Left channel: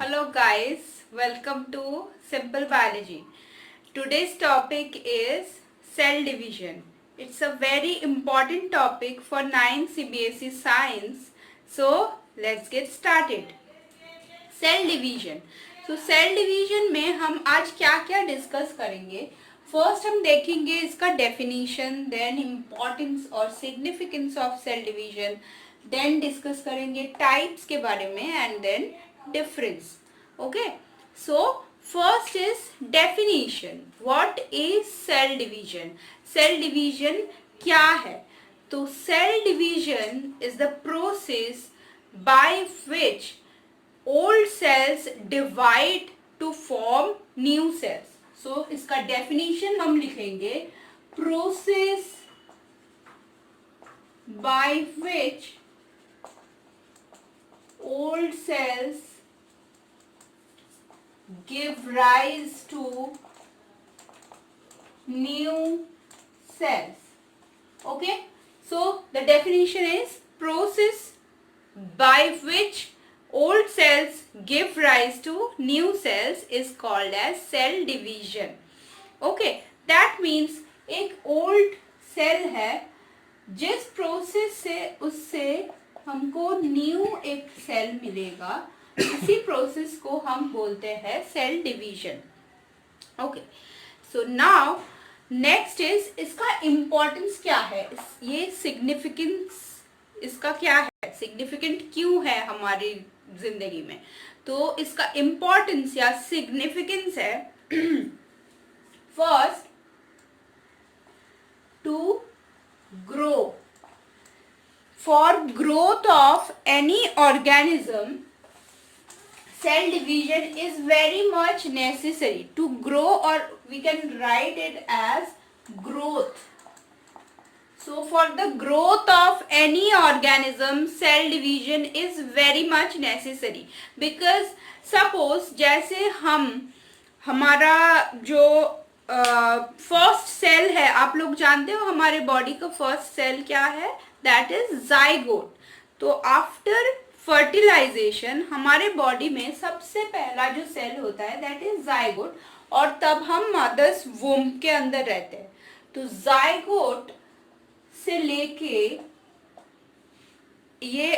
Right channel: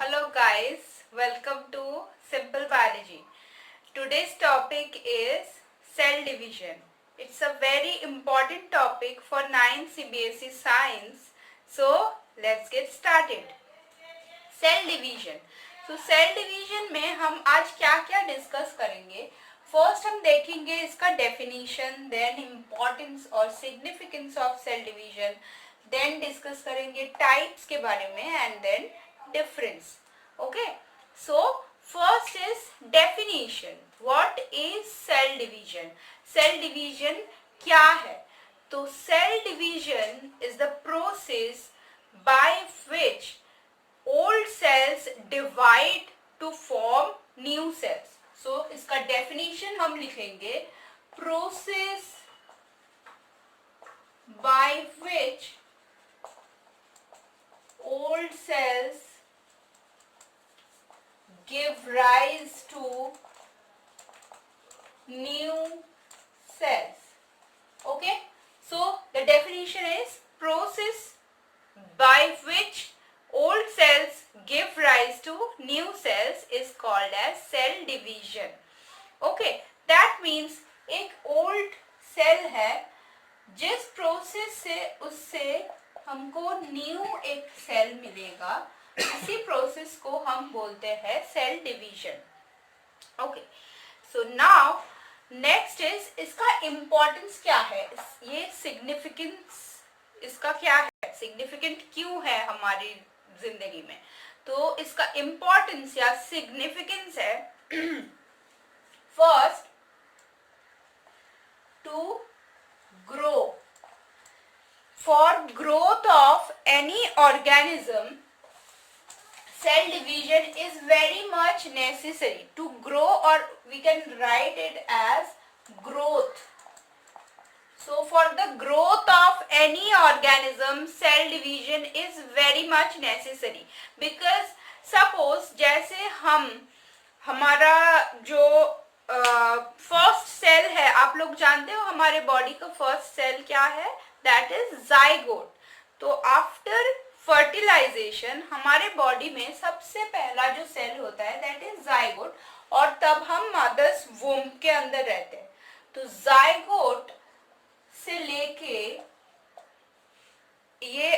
Hello guys, welcome to Simple Biology. Today's topic is cell division. It's a very important topic for 9th CBSE science. So let's get started. Cell division. So cell division में हम आज क्या क्या discuss करेंगे. First हम देखेंगे इसका definition, then importance और significance of cell division, then discuss करेंगे टाइप्स के बारे में and then difference. Okay, so first is definition. What is cell division? Cell division क्या है? तो cell division is the process by which old cells divide to form new cells. So इसका definition हम लिखेंगे process by which old cells give rise to new cells. Okay, so the definition is process by which old cells give rise to new cells is called as cell division. Okay, that means एक old cell है, जिस process से उससे हमको new एक cell मिलेगा, इसी process को हम बोलते हैं cell division. Okay, so now next is इसका इम्पोर्टेंस क्या है, ये सिग्निफिकेंस इसका क्या है, सिग्निफिकेंट क्यों है हमारी जिंदगी में. तो इसका इम्पोर्टेंस या सिग्निफिकेंस है first to grow. For growth of any organism cell division is very much necessary to grow, or we can write it as growth. So for the growth of any organism, cell division is very much necessary, because suppose जैसे हमारा जो first cell है, आप लोग जानते हो हमारे body का फर्स्ट सेल क्या है, दैट इज जाइगोट. तो आफ्टर फर्टिलाइजेशन हमारे बॉडी में सबसे पहला जो सेल होता है दैट इज जाइगोट, और तब हम मदर्स वुम्ब के अंदर रहते हैं. तो जाइगोट से लेके ये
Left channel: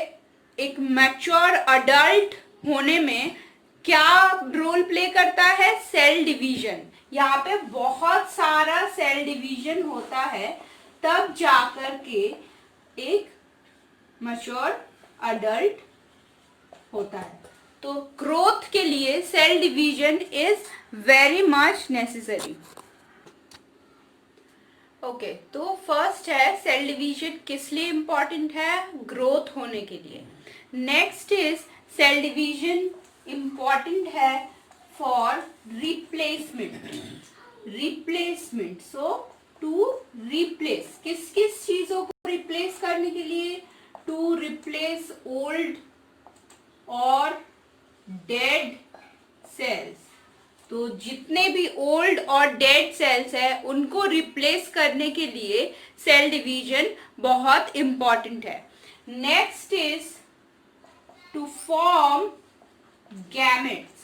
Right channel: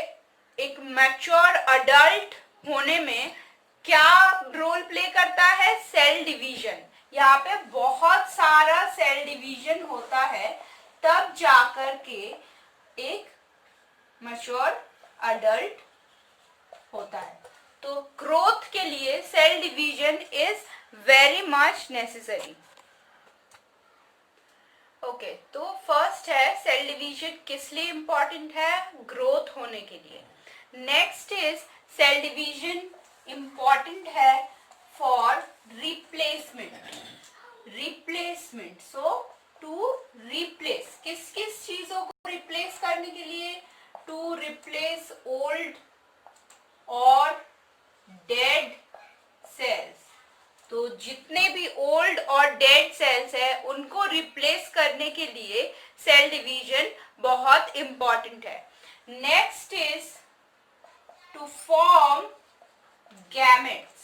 एक मैच्योर अडल्ट होने में क्या रोल प्ले करता है, सेल डिवीजन. यहाँ पे बहुत सारा सेल डिवीजन होता है, तब जाकर के एक मैच्योर अडल्ट होता है. तो ग्रोथ के लिए cell division is very much necessary. Okay, तो फर्स्ट है सेल डिवीजन किस लिए इंपॉर्टेंट है, ग्रोथ होने के लिए. Next is cell division important है for replacement. Replacement, so to replace, किस किस चीजों को रिप्लेस करने के लिए, टू रिप्लेस ओल्ड और डेड सेल्स. तो जितने भी ओल्ड और डेड सेल्स है उनको रिप्लेस करने के लिए सेल डिवीजन बहुत इंपॉर्टेंट है. Next is to form gametes.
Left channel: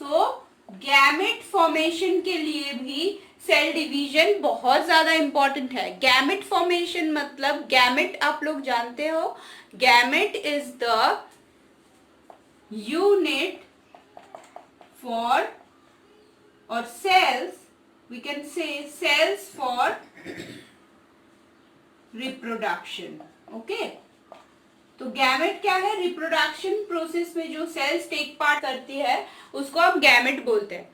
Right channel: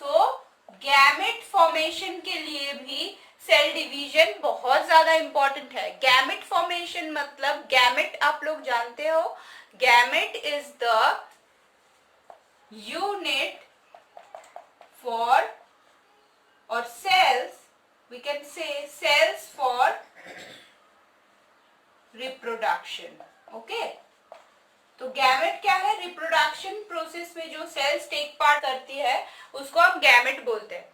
So gamete formation के लिए भी सेल डिवीजन बहुत ज्यादा इंपॉर्टेंट है. गैमेट फॉर्मेशन मतलब, गैमेट आप लोग जानते हो, gamete is the unit for, or cells, we can say cells for reproduction. Okay, तो गैमेट क्या है, रिप्रोडक्शन प्रोसेस में जो सेल्स टेक पार्ट करती है उसको हम गैमेट बोलते हैं.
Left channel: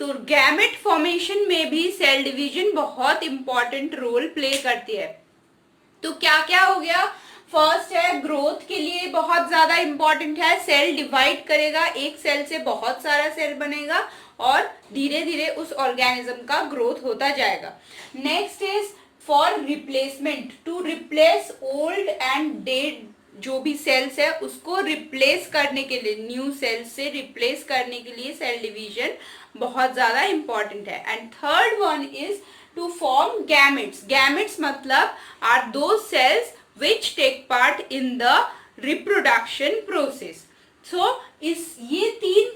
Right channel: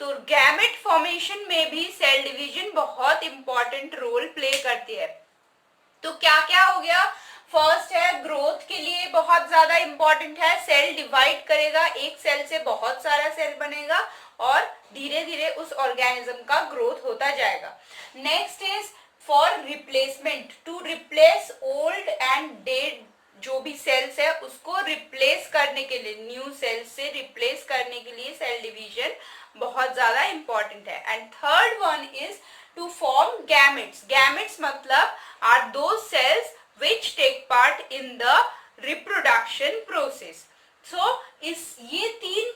तो गैमेट फॉर्मेशन में भी सेल डिवीजन बहुत इंपॉर्टेंट रोल प्ले करती है. तो क्या क्या हो गया, फर्स्ट है ग्रोथ के लिए बहुत ज्यादा इंपॉर्टेंट है, सेल डिवाइड करेगा, एक सेल से बहुत सारा सेल बनेगा और धीरे धीरे उस ऑर्गेनिज्म का ग्रोथ होता जाएगा. Next is for replacement, to replace old and dead जो भी सेल्स है उसको रिप्लेस करने के लिए, न्यू सेल्स से रिप्लेस करने के लिए सेल डिवीजन बहुत ज्यादा इंपॉर्टेंट है. And third one is to form gametes. Gametes मतलब are those cells which take part in the reproduction process. So ये 3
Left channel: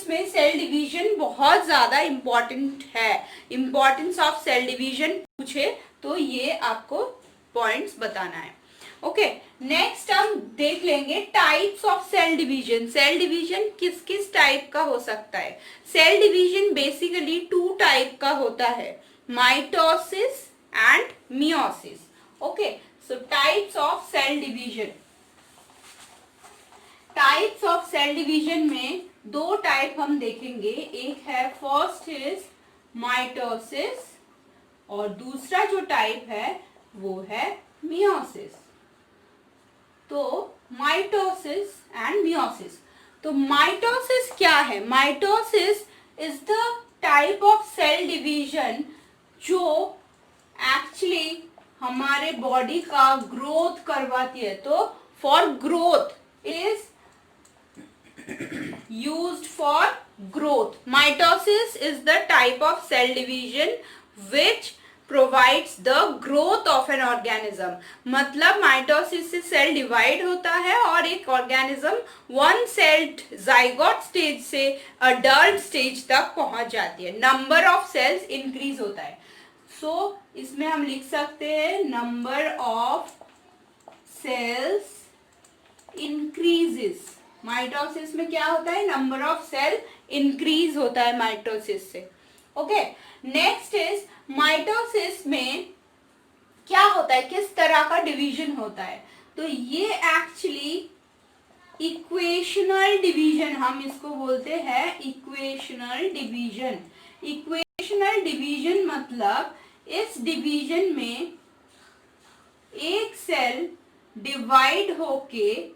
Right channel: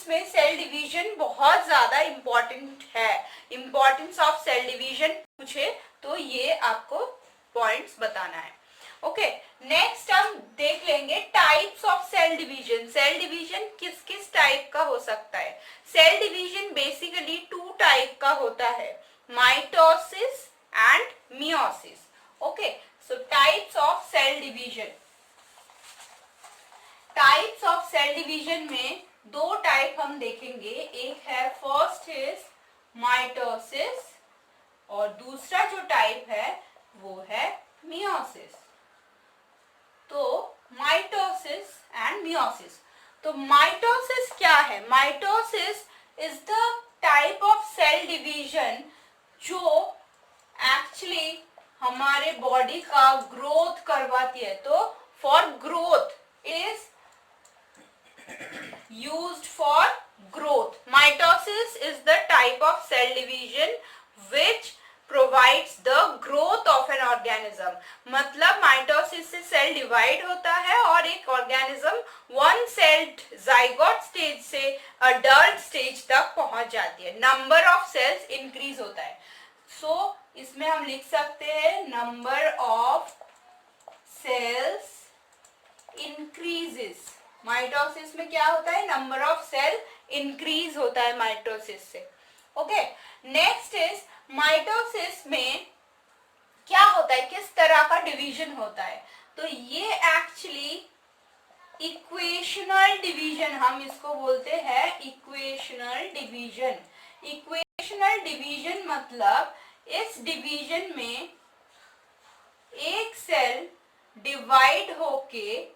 माइटोसिस में सेल डिवीजन बहुत ज्यादा इंपॉर्टेंट है। इंपॉर्टेंस ऑफ सेल डिवीजन पूछे तो ये आपको पॉइंट्स बताना है। ओके, नेक्स्ट हम देख लेंगे types of cell division. Cell division किस किस टाइप का हो सकता है? सेल डिवीजन बेसिकली 2 टाइप का होता है, mitosis and meiosis. Okay, so types of cell division. Types of cell division में 2 टाइप हम देखेंगे। एक है फर्स्ट इज माइटोसिस और दूसरा जो टाइप है वो है मियोसिस। तो माइटोसिस एंड मियोसिस। तो माइटोसिस क्या है? Mitosis is the type of cell division जो एक्चुअली हमारे बॉडी का ग्रोथ करवाती है। तो for growth is used for growth. Mitosis is the type of cell division which provides the growth of an organism. मतलब mitosis से cell divide होता है और एक organism one sailed zygote stage से अडल्ट स्टेज तक पहुंच जाती है। नंबर ऑफ सेल्स इंक्रीज होता है। सो इसमें हम लिख सकते हैं number of cells increases. Mitosis में क्या होता है? नंबर ऑफ सेल इंक्रीज होता है माइटोसिस से। ओके, नेक्स्ट इज माइटोसिस में क्या होता है, किस तरह का डिवीजन होता है? तो ये एक्चुअली इक्वेशनल डिवीजन हम इसको बोलते हैं, इक्वेशनल डिवीजन। इक्वेशनल डिवीजन मतलब इस डिवीजन में एक सेल डिवाइड होके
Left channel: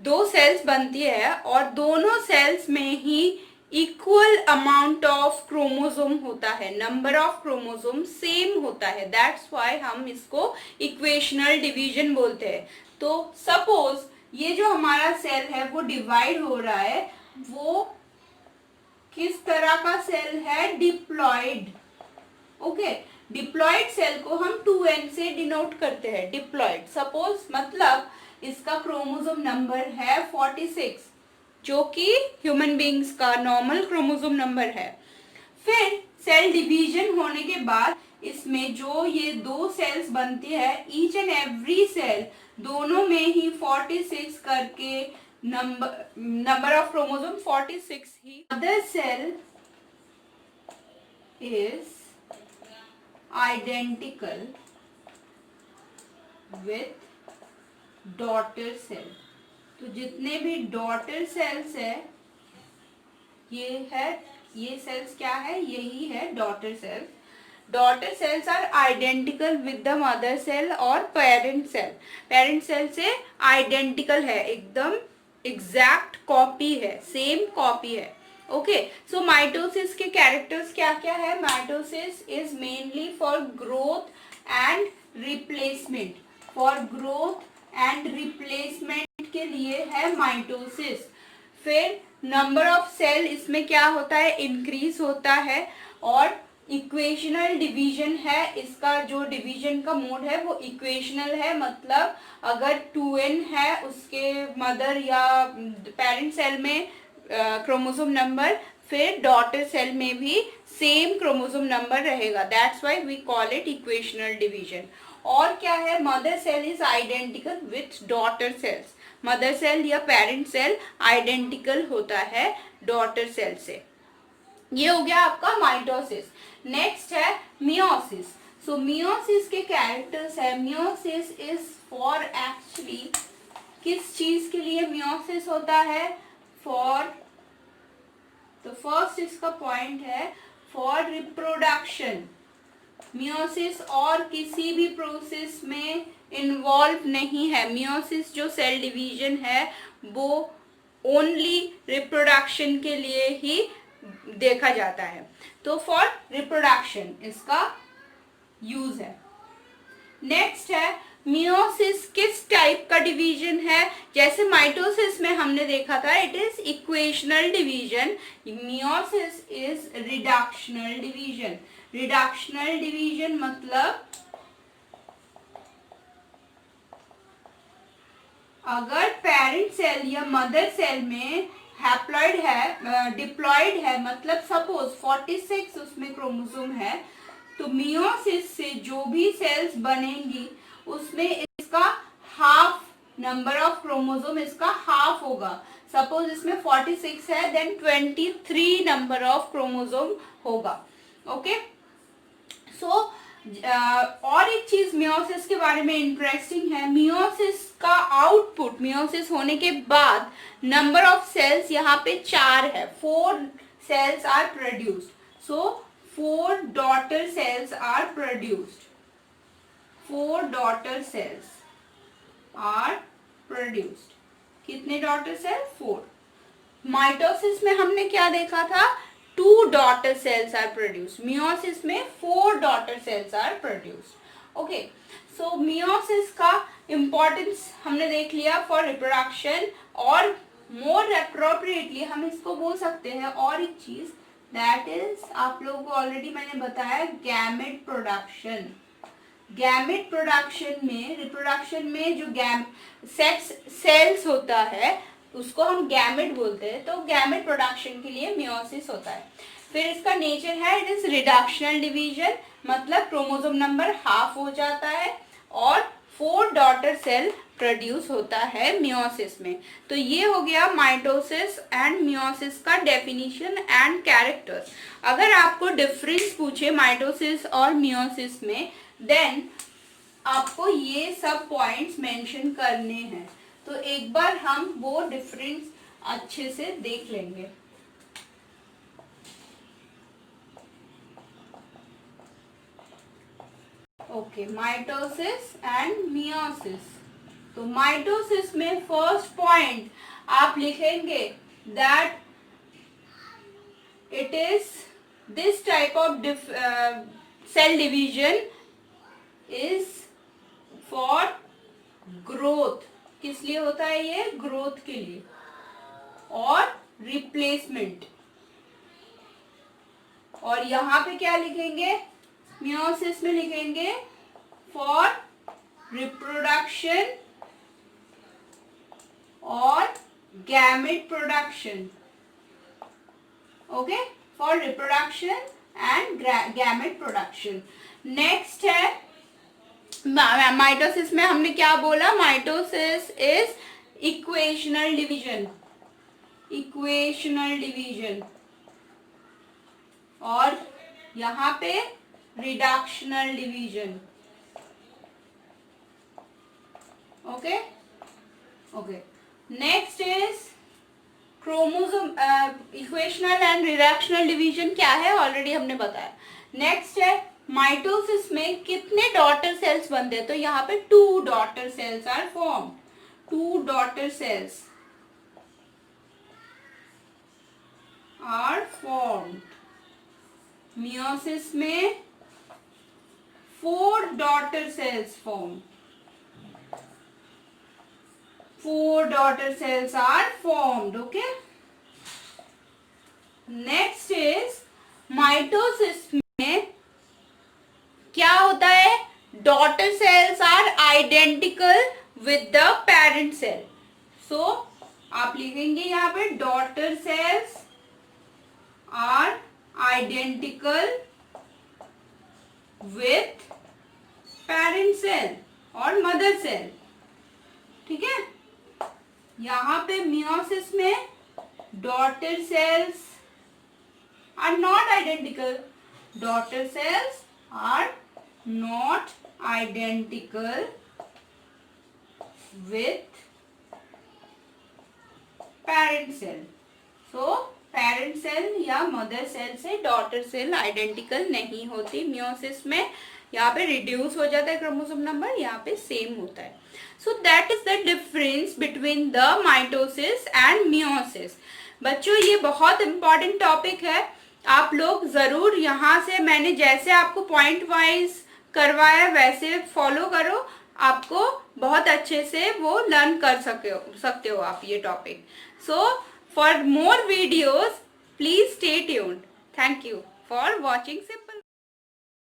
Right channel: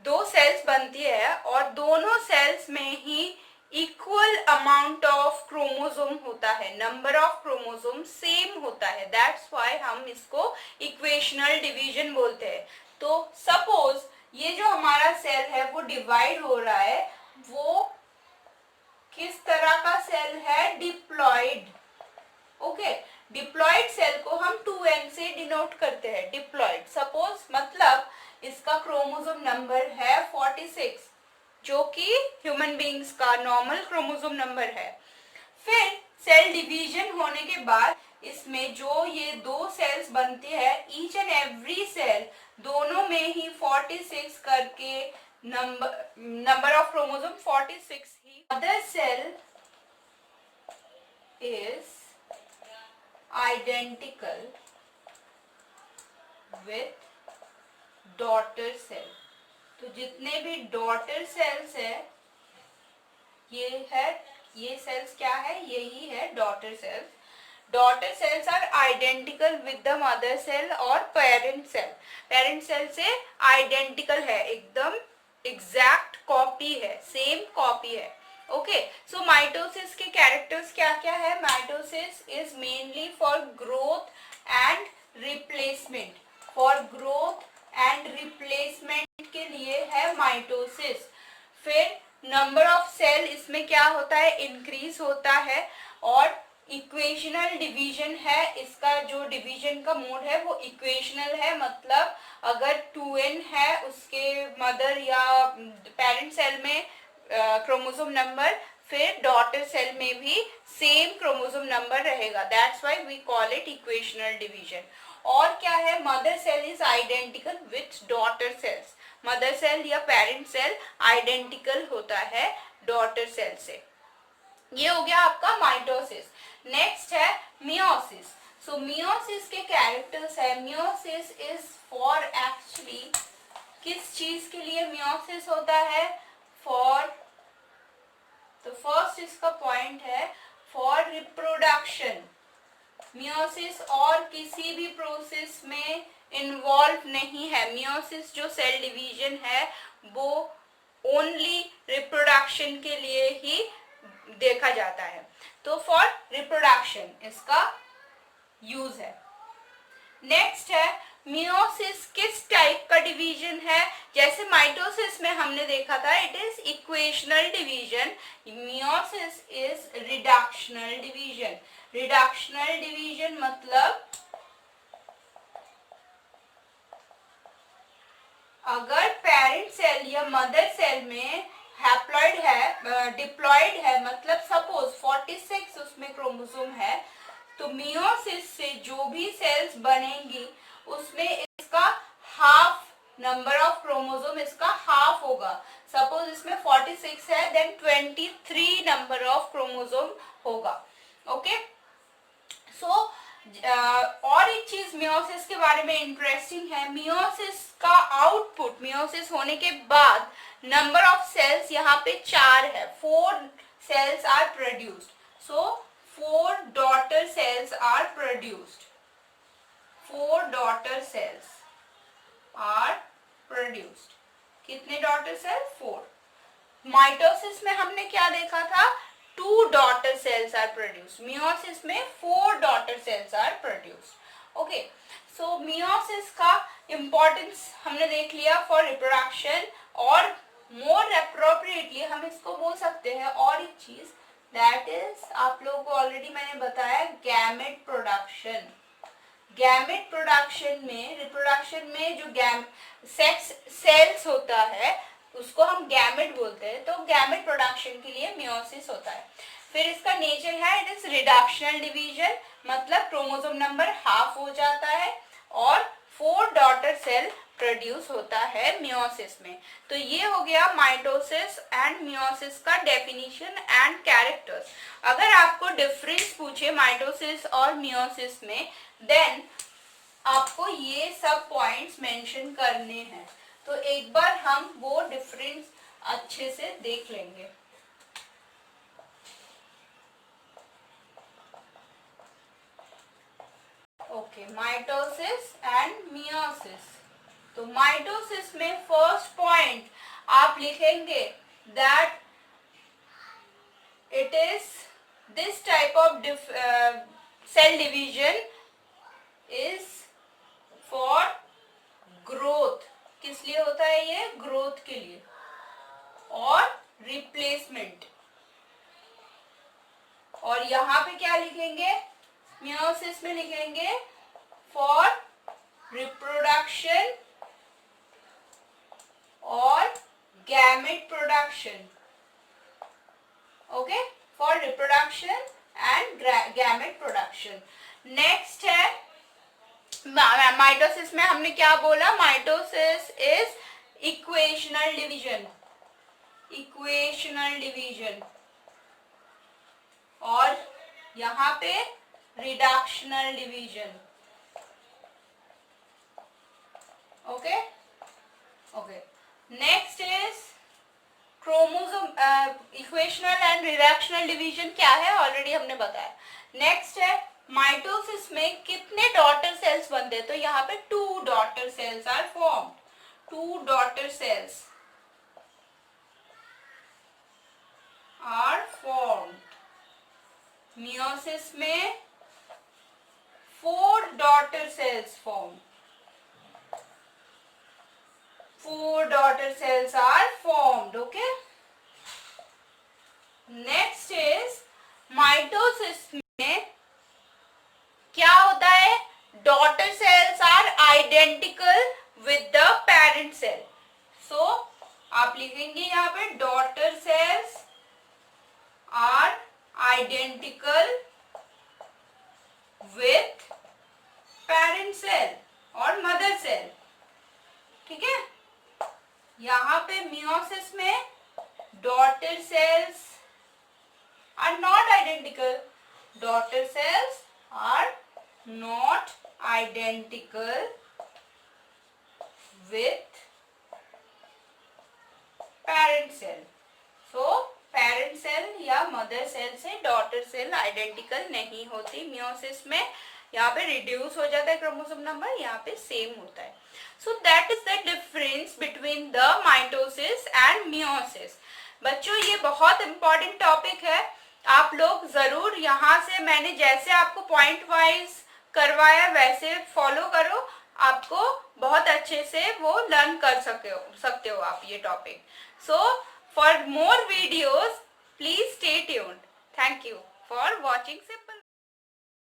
2 सेल्स बनती है और दोनों सेल्स में ही इक्वल अमाउंट ऑफ क्रोमोसोम होता है, नंबर ऑफ क्रोमोसोम सेम होता है। दैट्स व्हाई हम इसको इक्वेशनल डिवीजन बोलते हैं। तो सपोज ये जो हमारा सेल है वो डिवाइड हो रहा है, वो किस तरह का सेल है? डिप्लॉइड। ओके, डिप्लॉइड सेल को हम 2n से डिनोट करते हैं, डिप्लॉइड। सपोज मतलब इसका क्रोमोसोम नंबर है 46 जो कि ह्यूमन बीइंग्स का नॉर्मल क्रोमोसोम नंबर है। फिर सेल डिवीजन होने के बाद इसमें जो ये 2 सेल्स बनती है, ईच एंड एवरी सेल दोनों में ही 46 करके नंबर ऑफ क्रोमोसोम 46 ही। Other cell is identical with daughter cell। तो जितने भी डॉटर सेल्स है, ये सेल्स क्या है? यही है daughter cells. Daughter cells are identical with the mother cell और पेरेंट सेल। पेरेंट सेल से आइडेंटिकल है, एकदम एग्जैक्ट कॉपी है, सेम कॉपी है। ओके, सो माइटोसिस के कैरेक्टर्स क्या क्या है? Mitosis is mainly for growth and replacement. For growth and replacement के लिए है माइटोसिस। फिर नंबर ऑफ सेल इसमें क्या होता है? इंक्रीज होता है। और इक्वेशनल डिवीजन है, इसका जो डिवीजन का मोड है वो इक्वेशनल है। मतलब अगर 2n है उसके मदर या पेरेंट सेल में क्रोमोसोम नंबर, फिर डॉटर सेल में भी सेम क्रोमोसोम नंबर रहेगा। That's why we call it equational division. और क्या है? Mother cell is identical with daughter cells. Mother cell या पेरेंट सेल आइडेंटिकल होता है डॉटर सेल से। ये हो गया आपका माइटोसिस। नेक्स्ट है मियोसिस। सो मियोसिस के कैरेक्टर्स है, मियोसिस इज फॉर एक्चुअली किस चीज के लिए मियोसिस होता है? फॉर, तो फर्स्ट इसका पॉइंट है फॉर रिप्रोडक्शन। मियोसिस और किसी भी प्रोसेस में इन्वॉल्व नहीं है। मियोसिस जो सेल डिवीजन है वो ओनली रिप्रोडक्शन के लिए ही देखा जाता है। तो फॉर रिप्रोडक्शन इसका यूज है। नेक्स्ट है मियोसिस किस टाइप का डिवीजन है? जैसे माइटोसिस में हमने देखा था it is equational division, meiosis is reductional division. Reductional division मतलब अगर पेरेंट सेल या मदर सेल में हैप्लॉइड है, डिप्लॉइड है, मतलब सपोज 46 उसमें क्रोमोसोम है, तो मियोसिस से जो भी सेल्स बनेंगी उसमें इसका हाफ नंबर ऑफ क्रोमोसोम, इसका हाफ होगा. सपोज इसमें 46 है, देन 23 नंबर ऑफ क्रोमोसोम होगा. ओके, सो और एक चीज मियोसिस के बारे में इंटरेस्टिंग है. मियोसिस का आउटपुट, मियोसिस होने के बाद नंबर ऑफ सेल्स यहाँ पे 4 है. 4 cells are produced. So 4 daughter cells are produced. 4 daughter cells are produced. कितने डॉटर सेल? 4. माइटोसिस में हमने क्या देखा था? 2 daughter cells are produced. Meiosis में 4 daughter cells are produced. Okay, so meiosis का इंपॉर्टेंस हमने देख लिया फॉर रिप्रोडक्शन, और मोर अप्रोप्रिएटली हम इसको बोल सकते हैं और एक चीज, दैट इज आप लोगों को ऑलरेडी मैंने बताया, गैमेट प्रोडक्शन. गैमेट प्रोडक्शन में, रिप्रोडक्शन में जो सेक्स सेल्स होता है उसको हम गैमेट बोलते हैं. तो गैमेट प्रोडक्शन के लिए मियोसिस होता है. फिर इसका नेचर है, इट इज रिडक्शनल डिवीजन, मतलब क्रोमोसोम नंबर हाफ हो जाता है और 4 डॉटर सेल प्रोड्यूस होता है मियोसिस में. तो ये हो गया माइटोसिस एंड मियोसिस का डेफिनेशन एंड कैरेक्टर्स. अगर आपको डिफरेंस पूछे माइटोसिस और मियोसिस में, देन आपको ये सब पॉइंट्स मेंशन करने हैं. तो एक बार हम वो डिफरेंस अच्छे से देख लेंगे. Okay, mitosis and meiosis. तो माइटोसिस में फर्स्ट पॉइंट आप लिखेंगे that it is this type of cell division is for growth. किस लिए होता है ये? ग्रोथ के लिए. और रिप्लेसमेंट. और यहां पे क्या लिखेंगे? मियोसिस में लिखेंगे फॉर रिप्रोडक्शन और gamete production. Okay, for reproduction and gamete production. Next है माइटोसिस में हमने क्या बोला? Mitosis is equational division. Equational division. और यहां पे reductional division. Okay okay. Next is chromosome. Equational and reductional division क्या है ऑलरेडी हमने बताया. नेक्स्ट है माइटोसिस में कितने डॉटर सेल्स बनते हैं? तो यहाँ पे 2 daughter cells are formed. 2 daughter cells are formed. Meiosis में 4 daughter cells form. 4 daughter cells are formed. Okay. Next is mitosis में क्या होता है? Daughter cells are identical with the parent cell. So आप लिखेंगे यहाँ पे daughter cells are identical with parent cell और मदर सेल. ठीक है. यहां पे मियोसिस में daughter cells are not identical. Daughter cells are not identical with parent cell. So parent cell या मदर सेल से डॉटर सेल आइडेंटिकल नहीं होती मियोसिस में. यहाँ पे रिड्यूस हो जाता है क्रोमोसोम नंबर, यहाँ पे सेम होता है. So that is the difference between the mitosis and meiosis. बच्चों ये बहुत इंपॉर्टेंट टॉपिक है. आप लोग जरूर यहाँ से मैंने जैसे आपको पॉइंट वाइज करवाया वैसे फॉलो करो. आपको बहुत अच्छे से वो लर्न कर सकते हो आप ये topic. So for more videos, please stay tuned. Thank you for watching.